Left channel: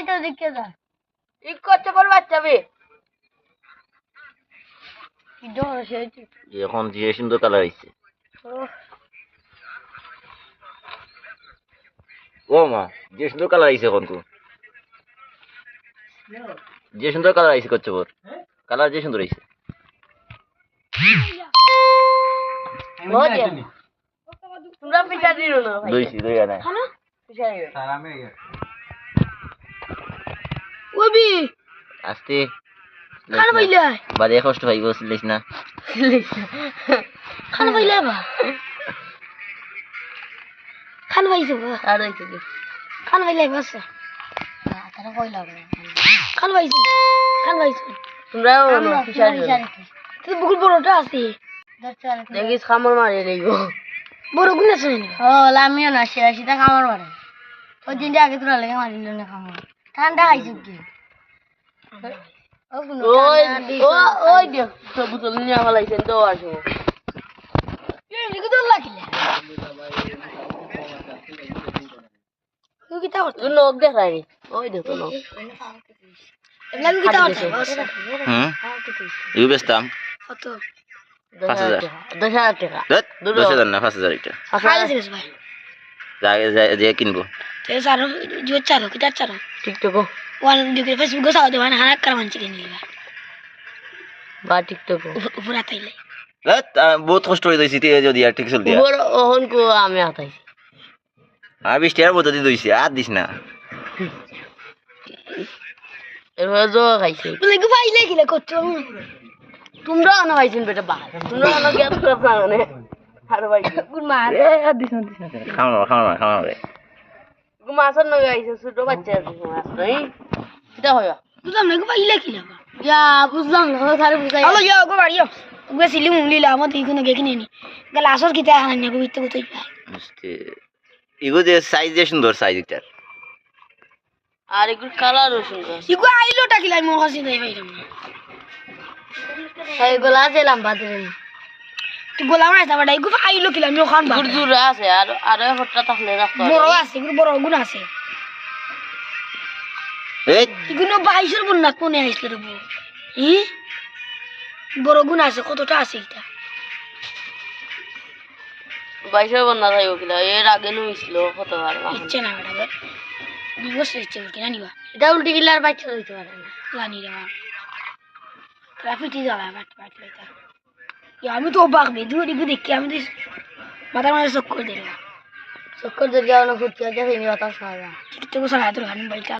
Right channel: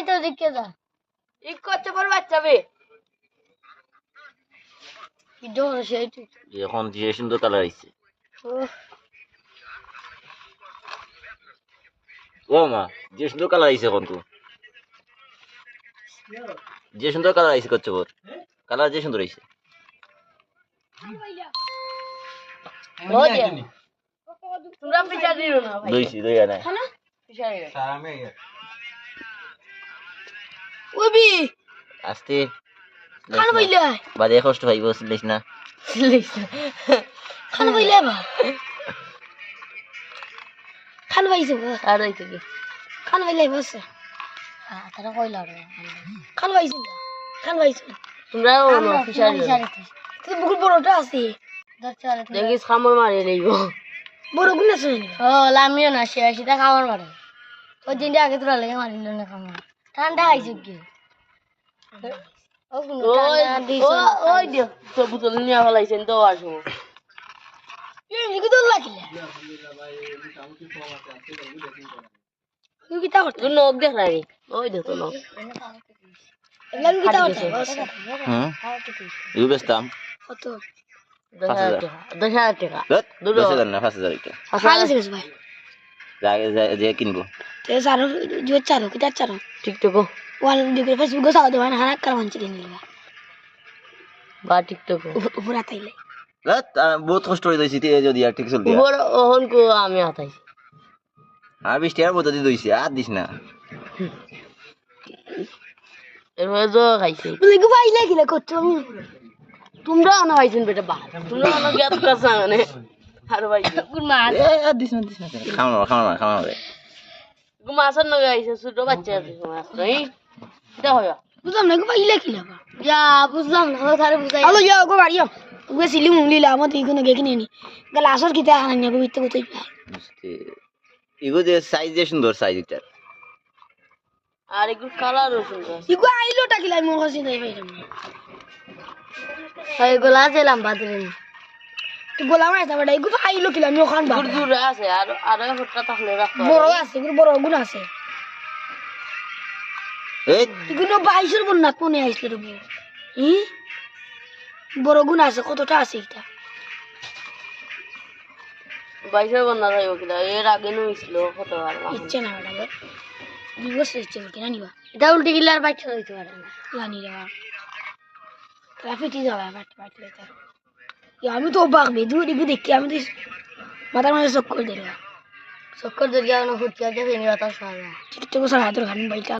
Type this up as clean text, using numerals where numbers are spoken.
এই তো দিকে যা ই করতে বল বাচ্চাবে জোর সেই এখন যে সুন্দর কালার আইছে ও মা যে সুন্দর কালার আইছে এখন তো যে সুন্দর কালার আইছে করছে বর কালার যে সুন্দর আইছে তোমরা পিছা দিও না ভাই দইছি দই আনা খানা পিছা দিও স্যার আমি ওবি আস্তে খানা পাইলা বাদে কষ্ট পাইব সিলিস না খানা পাইলা বা খানা পাইছো আর হইছে কি খানা পাইলা বাস তারা কইলা খানা পাইছো তোমরাও না পিছা দিও তুই বহুত বড়টা আছে দেখিস খামর মারে লইব বড় গুণ আছে ও লামিও না সে সেটা খামর মারে ওই দিনটা আগে তোরা লেগে মারিল না খামর ঠান্ডা খাইছো কি ওই দিও তো বুতল নিয়ে ফেলাইছেন তো আসো এই কি তো লাগিলে তুই কি তা করছিস নক দেখাই ওই দেখো নক লাগি কি তা করছিস ইউ বেস্তাম কত 5000 10,000 টাকা 10,000 না 5000 এটা ভাই যে কিনবো ते सारो जो चारो किता चारो टिकटॉक वन दिखे फेसबुक को साव देवाना हाना कर मंच के नहीं बा टिकटॉक ऊपर आता ही बहुत কষ্ট হই দইছি তে যদি আর ঠিক চল দিয়া ऊपर ओहन को আমি আতাইছি আর 20 টাকার মতো দি দইছি আর দিস না এরপর জো খাইছি বলে কি ভাই লাগিলে করছো তোমরা না ভাইছেন বেটা বাহার তোমরা না গেট করছ মানে আর ভাই গুড মান এ দিস না খাওয়া মাছের নগে আইছে ছোট বাচ্চা মাছ নাই এটা হয় বুঝলাম না ভাই লাগিলে ইয়া বুঝলাম না সারে বুঝাই হ্যালো ইয়া গো মারিও ওকে সিলি মুংলি লা মত ইগুনো গেকিনি নি গ্লাসর কিতা খানা নিয়ে বিতে কতই বুঝতে ইগো যে সাইজ যে সুন্দর সাইজ এটা আর এগুলো কালারও সুন্দর ইগো আইলোটা কি লাই মোর কাছে দেই ভাইরাম না এই গোলা আছে লম্বা দিন তুই গোলা মারছ না ইগো আইলো কি লাই মো খান বা গুড় আছে আর হটটা থাকলে রাখতো বড় আছে ইগো বড় গুণ আছে এই ইগুনো 22 এর বন্যা কোনে আইছিল রে বউ হি বড় গুণ আছে কতটা আছে এটা 22 এর বন্যা থাইও কিলা এর আগে নইছিল কত আর ইচ্ছে না ওটা বিগস ইচ্ছে কিনা নিবা এটা উল্টি গিলার বাচ্চা হইতে পারে না জানি রে ট্রাফিকই যাবে বাট লেতা আমি তো অবাক দূর দেখি আমি তো মাথার মাঝে চক্কর দিলাম চক্কর দিয়ে যাওয়ানো ফুটিয়া দেখে নি বাতাস খাওয়া ঠিক তো সারা তোর গান বাইটা